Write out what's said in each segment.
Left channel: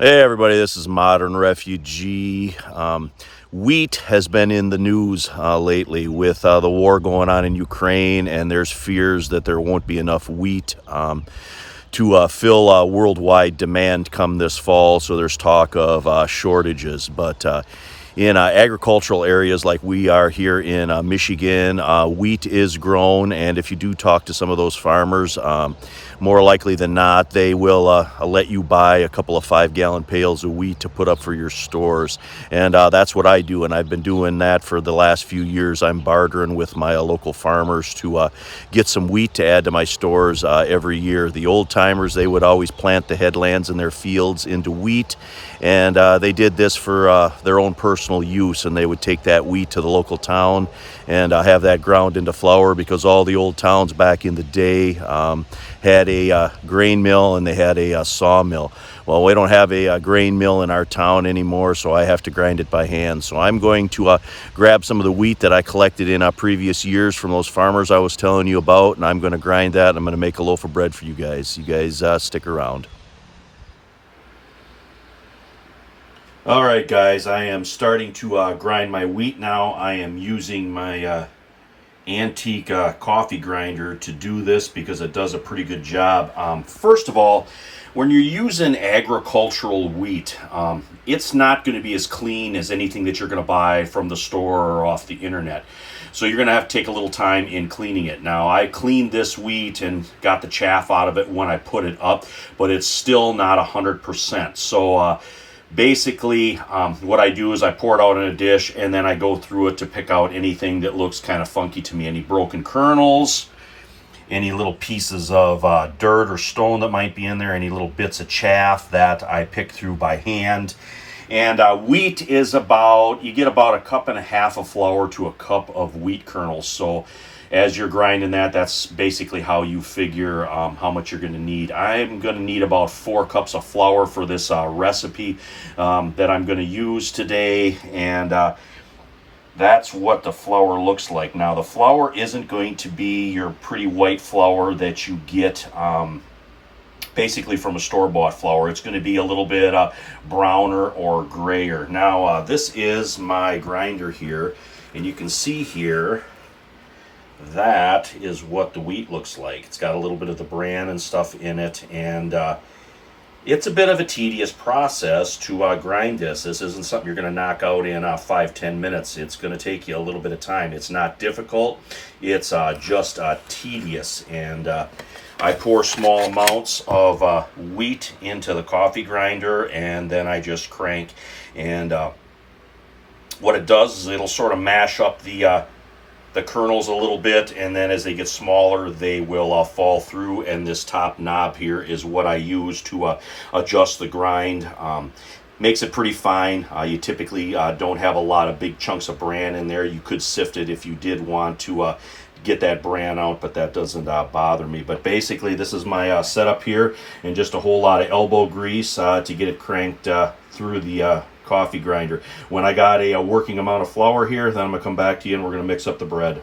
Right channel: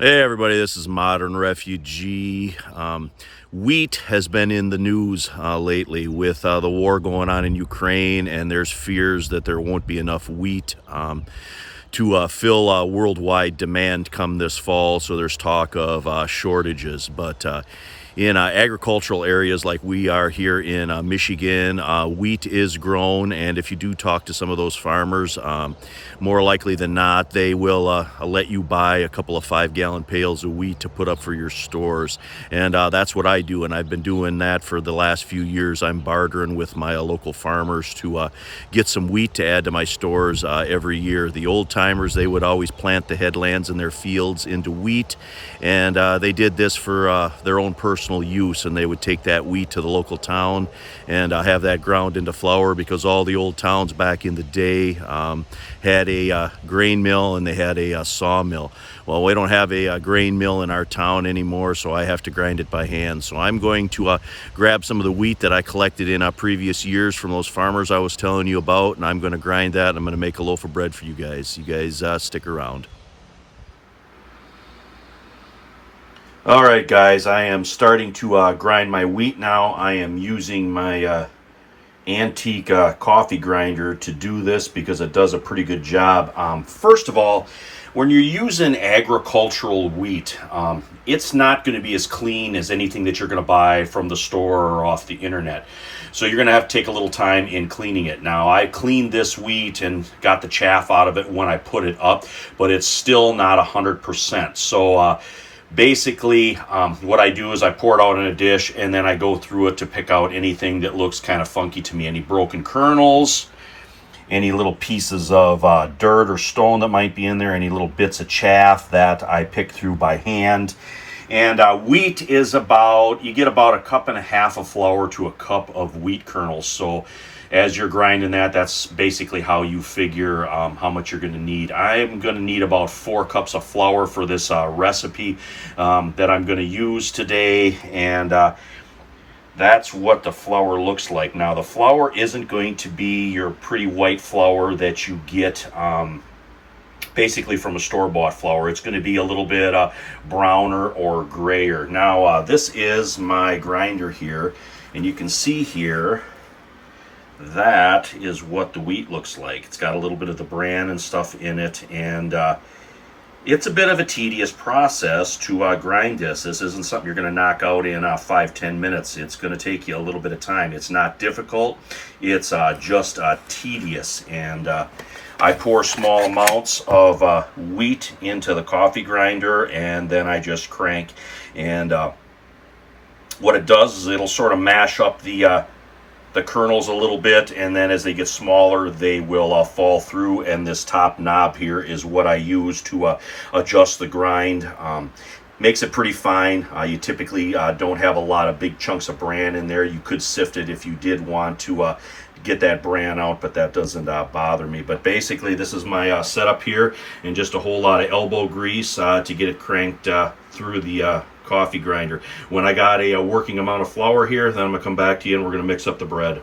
Hey everybody, this is Modern Refugee. Wheat has been in the news lately with the war going on in Ukraine, and there's fears that there won't be enough wheat to fill worldwide demand come this fall. So there's talk of shortages, but in agricultural areas like we are here in Michigan, wheat is grown, and if you do talk to some of those farmers, more likely than not, they will let you buy a couple of 5-gallon pails of wheat to put up for your stores. And that's what I do, and I've been doing that for the last few years. I'm bartering with my local farmers to get some wheat to add to my stores every year. The old timers, they would always plant the headlands in their fields into wheat, and they did this for their own personal use, and they would take that wheat to the local town and have that ground into flour, because all the old towns back in the day had a grain mill and they had a sawmill. Well, we don't have a grain mill in our town anymore, so I have to grind it by hand. So I'm going to grab some of the wheat that I collected in previous years from those farmers I was telling you about, and I'm going to grind that. And I'm going to make a loaf of bread for you guys. You guys stick around. All right, guys, I am starting to grind my wheat now. I am using my antique coffee grinder to do this because it does a pretty good job. First of all, when you're using agricultural wheat, it's not going to be as clean as anything that you're going to buy from the store or off the internet. So you're going to have to take a little time in cleaning it. Now, I cleaned this wheat and got the chaff out of it when I put it up, but it's still not 100%. So basically, what I do is I pour it out in a dish, and then I go through it to pick out anything that looks kind of funky to me. Any broken kernels, any little pieces of dirt or stone that might be in there, any little bits of chaff that I pick through by hand. And wheat is you get about 1.5 cups of flour to a cup of wheat kernels. So as you're grinding that, that's basically how you figure how much you're going to need. I'm going to need about 4 cups of flour for this recipe that I'm going to use today. And that's what the flour looks like. Now, the flour isn't going to be your pretty white flour that you get basically from a store-bought flour. It's going to be a little bit browner or grayer. Now, this is my grinder here, and you can see here that is what the wheat looks like. It's got a little bit of the bran and stuff in it, and it's a bit of a tedious process to grind this. This isn't something you're going to knock out in 5-10 minutes. It's going to take you a little bit of time. It's not difficult. It's just tedious. And I pour small amounts of wheat into the coffee grinder, and then I just crank. And what it does is it'll sort of mash up the kernels a little bit, and then as they get smaller, they will fall through. And this top knob here is what I use to adjust the grind. Makes it pretty fine. You typically don't have a lot of big chunks of bran in there. You could sift it if you did want to get that bran out, but that doesn't bother me. But basically, this is my setup here, and just a whole lot of elbow grease to get it cranked through the coffee grinder. When I got a working amount of flour here, then I'm going to come back to you and we're going to mix up the bread.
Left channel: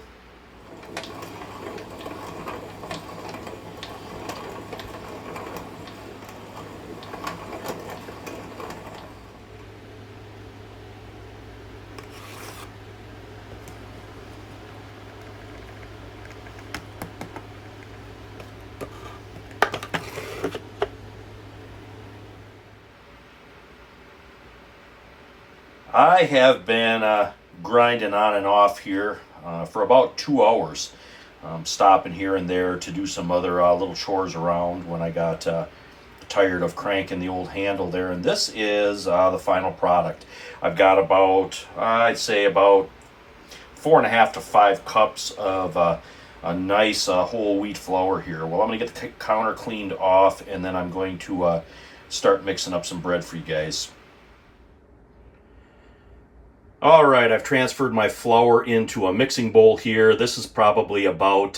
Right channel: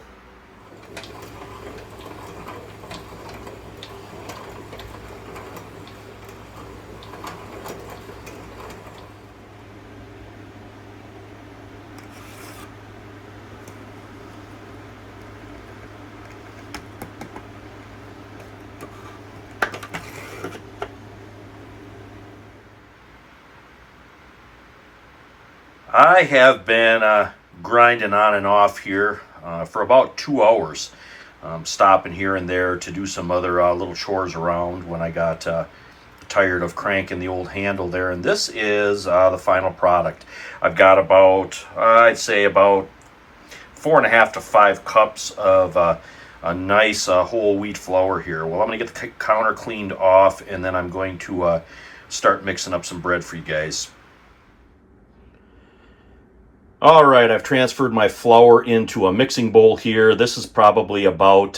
I have been grinding on and off here for about 2 hours, stopping here and there to do some other little chores around when I got tired of cranking the old handle there. And this is the final product. I've got about, I'd say about 4.5 to 5 cups of a nice whole wheat flour here. Well, I'm going to get the counter cleaned off, and then I'm going to start mixing up some bread for you guys. All right, I've transferred my flour into a mixing bowl here. This is probably about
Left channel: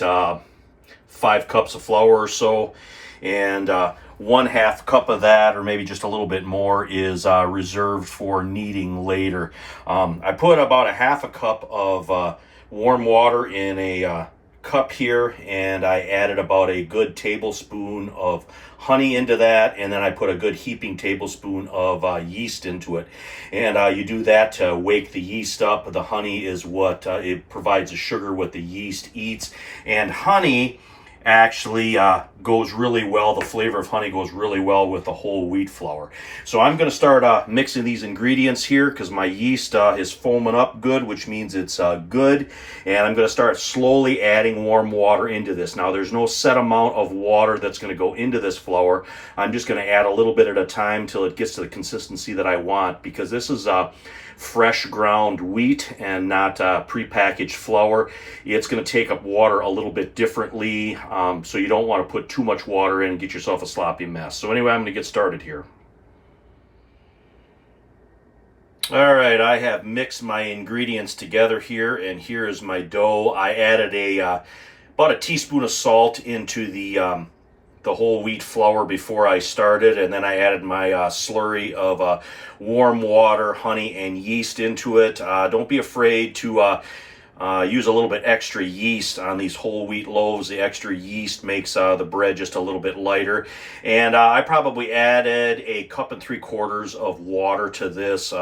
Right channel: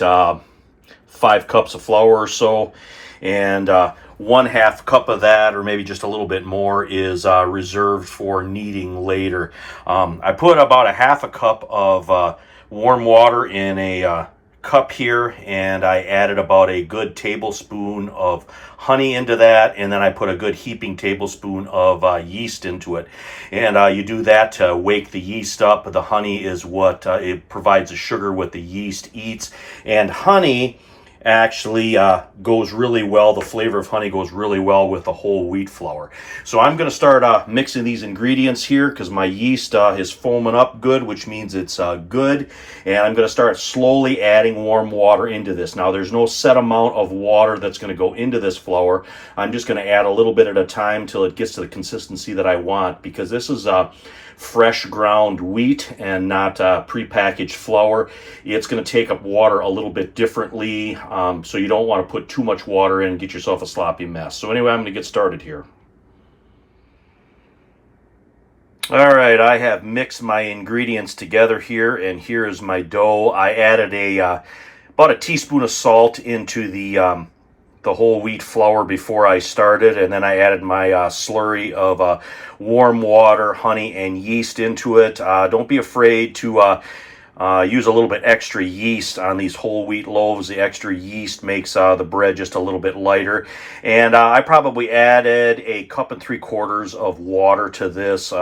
5 cups of flour or so, and 1/2 cup of that, or maybe just a little bit more, is reserved for kneading later. I put about 1/2 cup of warm water in a cup here, and I added about a good tablespoon of honey into that, and then I put a good heaping tablespoon of yeast into it. And you do that to wake the yeast up. The honey is what it provides the sugar what the yeast eats, and honey actually goes really well. The flavor of honey goes really well with the whole wheat flour. So I'm going to start mixing these ingredients here because my yeast is foaming up good, which means it's good. And I'm going to start slowly adding warm water into this. Now there's no set amount of water that's going to go into this flour. I'm just going to add a little bit at a time till it gets to the consistency that I want, because this is fresh ground wheat and not prepackaged flour. It's going to take up water a little bit differently, so you don't want to put too much water in and get yourself a sloppy mess. So anyway, I'm going to get started here. All right, I have mixed my ingredients together here, and here is my dough. I added about a teaspoon of salt into the whole wheat flour before I started, and then I added my slurry of warm water, honey, and yeast into it. Don't be afraid to use a little bit extra yeast on these whole wheat loaves. The extra yeast makes the bread just a little bit lighter. And I probably added 1 3/4 cups of water to this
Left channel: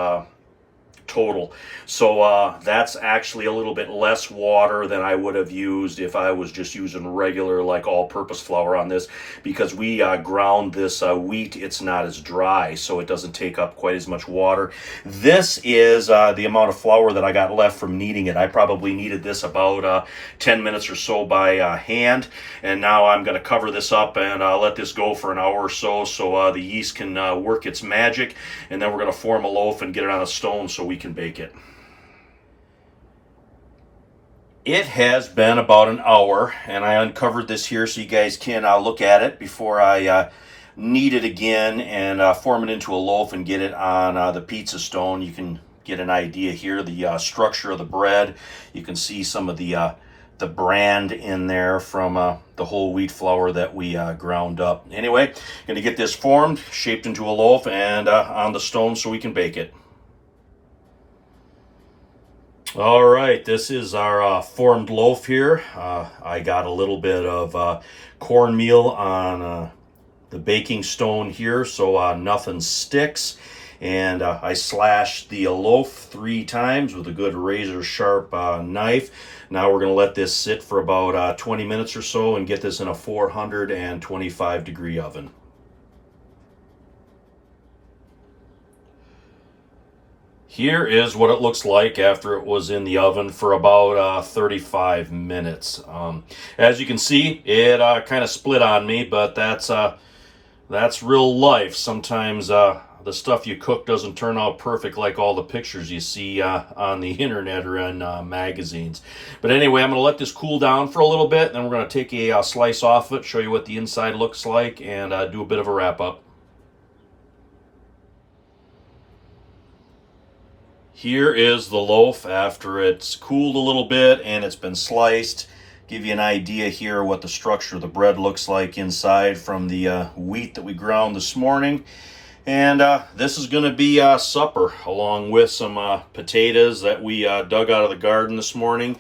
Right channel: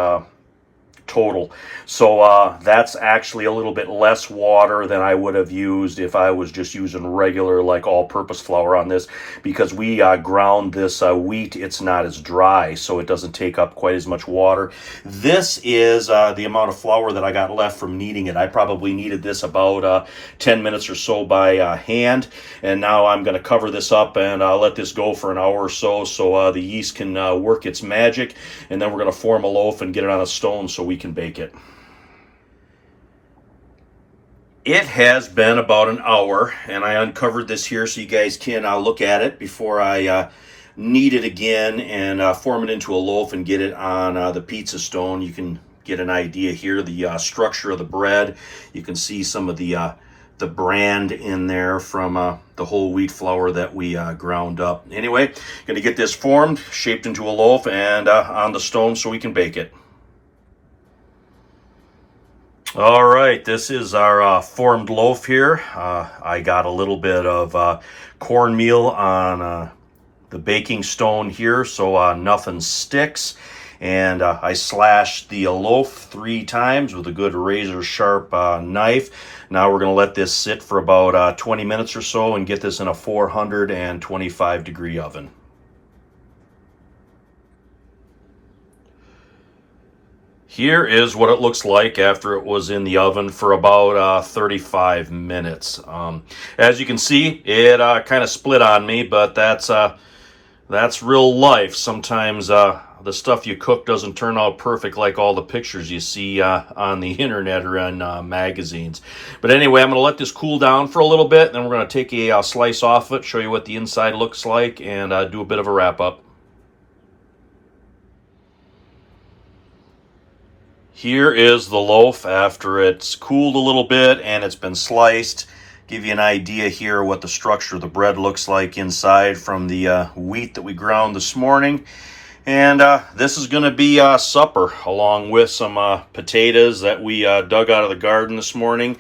total. So that's actually a little bit less water than I would have used if I was just using regular, like, all-purpose flour on this, because we ground this wheat. It's not as dry, so it doesn't take up quite as much water. This is the amount of flour that I got left from kneading it. I probably kneaded this about 10 minutes or so by hand, and now I'm going to cover this up and let this go for an hour or so the yeast can work its magic, and then we're going to form a loaf and get it on a stone so we can bake it. It has been about an hour, and I uncovered this here so you guys can look at it before I knead it again and form it into a loaf and get it on the pizza stone. You can get an idea here, the structure of the bread. You can see some of the brand in there from the whole wheat flour that we ground up. Anyway, going to get this formed, shaped into a loaf, and on the stone so we can bake it. All right, this is our formed loaf here. I got a little bit of cornmeal on the baking stone here so nothing sticks. And I slashed the loaf 3 times with a good razor sharp knife. Now we're going to let this sit for about 20 minutes or so and get this in a 425 degree oven. Here is what it looks like after it was in the oven for about 35 minutes. As you can see, it kind of split on me, but that's real life. Sometimes the stuff you cook doesn't turn out perfect like all the pictures you see on the internet or on magazines. But anyway, I'm going to let this cool down for a little bit, and then we're going to take a slice off it, show you what the inside looks like, and do a bit of a wrap-up. Here is the loaf after it's cooled a little bit and it's been sliced. Give you an idea here what the structure of the bread looks like inside from the wheat that we ground this morning. And this is going to be supper, along with some potatoes that we dug out of the garden this morning,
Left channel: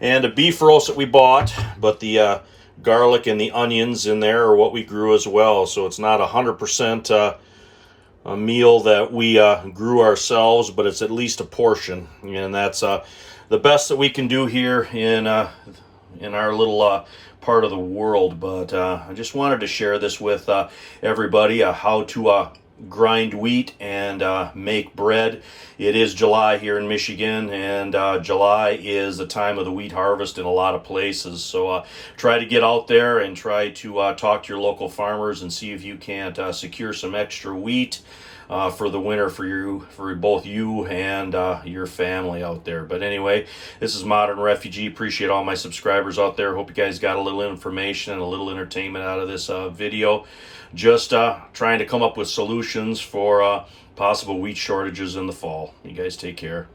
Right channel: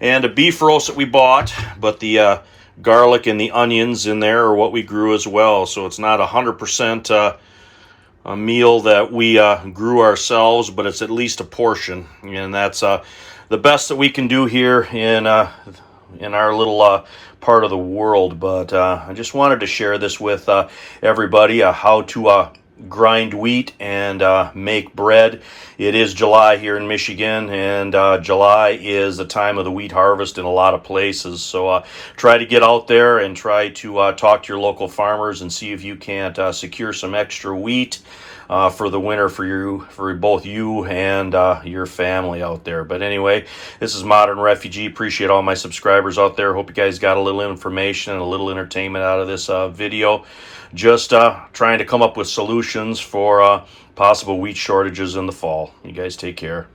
and a beef roast that we bought, but the garlic and the onions in there are what we grew as well. So it's not 100% a meal that we grew ourselves, but it's at least a portion, and that's the best that we can do here in our little part of the world. But I just wanted to share this with everybody, how to grind wheat and make bread. It is July here in Michigan, and July is the time of the wheat harvest in a lot of places. So try to get out there and try to talk to your local farmers and see if you can't secure some extra wheat for the winter for both you and your family out there. But anyway, this is Modern Refugee. Appreciate all my subscribers out there. Hope you guys got a little information and a little entertainment out of this video. Just trying to come up with solutions for possible wheat shortages in the fall. You guys take care.